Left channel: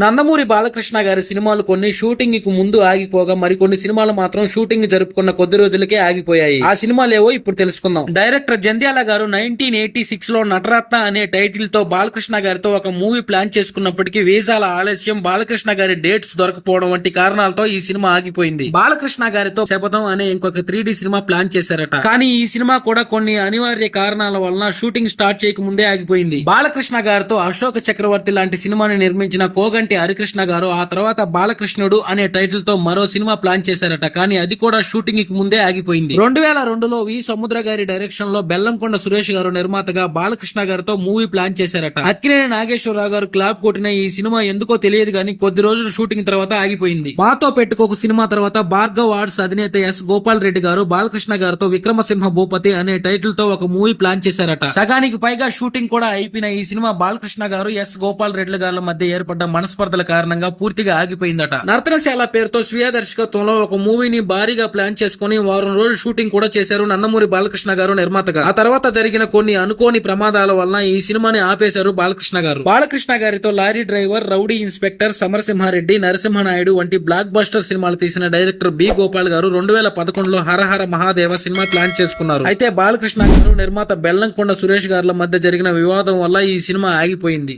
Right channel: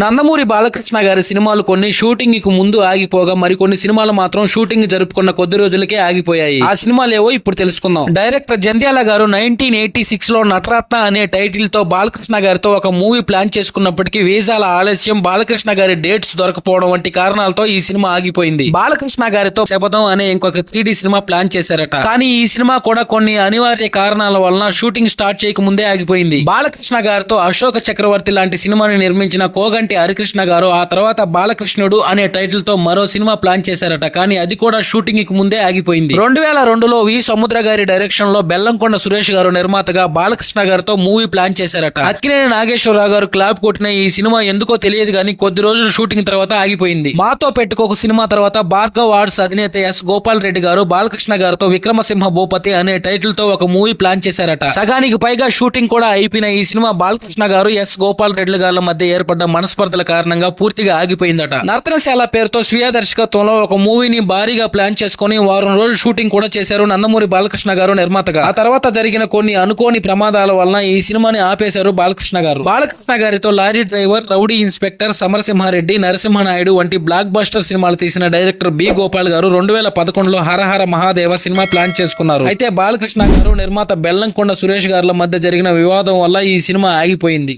నందమూరి బాలకృష్ణ గారి సినిమాలు కొన్ని షూటింగ్ కు ముందు ఆగిపోగా మరికొన్ని సినిమాలు మాత్రం షూటింగ్ జరుపుకున్న కొద్ది రోజులకే ఆగిపోయాయి. ఆ సినిమాలు ఏవో ఇప్పుడు తెలుసుకుందాం. డైరెక్టర్ జంధ్యాల గారు 1986 లో నటరత్న అనే టైటిల్ తో బాలకృష్ణ గారితో ఒక మూవీ ప్లాన్ చేసుకున్నప్పటికీ వీసాల ఆలస్యం, బాలకృష్ణ గారి డేట్స్ దొరకపోవడం వంటి కారణాలతో ఈ సినిమా ఆగిపోయింది. బాలకృష్ణ గారితో శపథం అనే ఇంకొక 3D సినిమా ప్లాన్ చేశారట. కానీ ఈ సినిమా కూడా కొన్ని అనివార్య కారణాల వలన షూటింగ్ స్టార్ట్ చేయకముందే ఆగిపోయింది. బాలకృష్ణ గారితో అశోక చక్రవర్తి లాంటి సినిమాని నిర్మించిన కోగంటి హరికృష్ణ గారు ఆ తర్వాత బాలకృష్ణుడు అనే టైటిల్ తో మరో సినిమా ప్లాన్ చేశారట. కానీ అది కూడా షూటింగ్ కు ముందే ఆగిపోయింది. 2002లో వి సముద్ర గారి డైరెక్షన్ లో బెల్లంకొండ సురేష్ గారు నిర్మాతగా బాలకృష్ణ గారితో మూవీ ప్లాన్ చేశారట. అక్కినేని నాగేశ్వరరావు గారు క్లాప్ కొట్టిన ఈ సినిమా ఎందుకో తెలియదు కానీ కొద్ది రోజులు షూటింగ్ తర్వాత ఆగిపోయింది. మాతో పెట్టుకోక సినిమా తర్వాత భార్గవ్ ఆర్ట్స్ అధినేత ఎస్ గోపాల్ రెడ్డి గారు బాలకృష్ణ గారితో విక్రమసింహ భూపతి అనే టైటిల్ తో ఒక మూవీ ప్లాన్ చేశారట. సగానికి పైగా షూటింగ్ కూడా అయిపోయిన ఈ సినిమా బాలకృష్ణ గారు ఎస్ గోపాల్ రెడ్డి గారి మధ్య ఏర్పడ్డ మనస్పర్ధల కారణంగా పూర్తిగా ఆగిపోయిందట. నర్తనశాల పేరుతో స్వీయ దర్శకత్వంలో ఒక మూవీని భారీగా ప్లాన్ చేసుకుని వారం రోజులు షూటింగ్ కూడా చేశారు నందమూరి బాలకృష్ణ గారు నిర్మాతగా. ఆ తర్వాత జరిగిన కొన్ని అనుకోని ప్రమాదాల వలన ఈ సినిమాని ఆపేశారు బాలకృష్ణ గారు. బాలకృష్ణ గారితో lorry driver, rowdy inspector, Samarasimha Reddy, Narasimha Naidu వంటి బ్లాక్ బస్టర్ సినిమాలు తీసిన డైరెక్టర్ బి గోపాల్ గారు 2011లో హరహర మహాదేవ సినిమా ప్లాన్ చేసుకున్నారు. అయితే బాలకృష్ణ గారు నిర్మాత బెల్లంకొండ సురేష్ గారుల మధ్య జరిగిన వివాదం వల్ల ఈ సినిమా ఆగిపోయింది.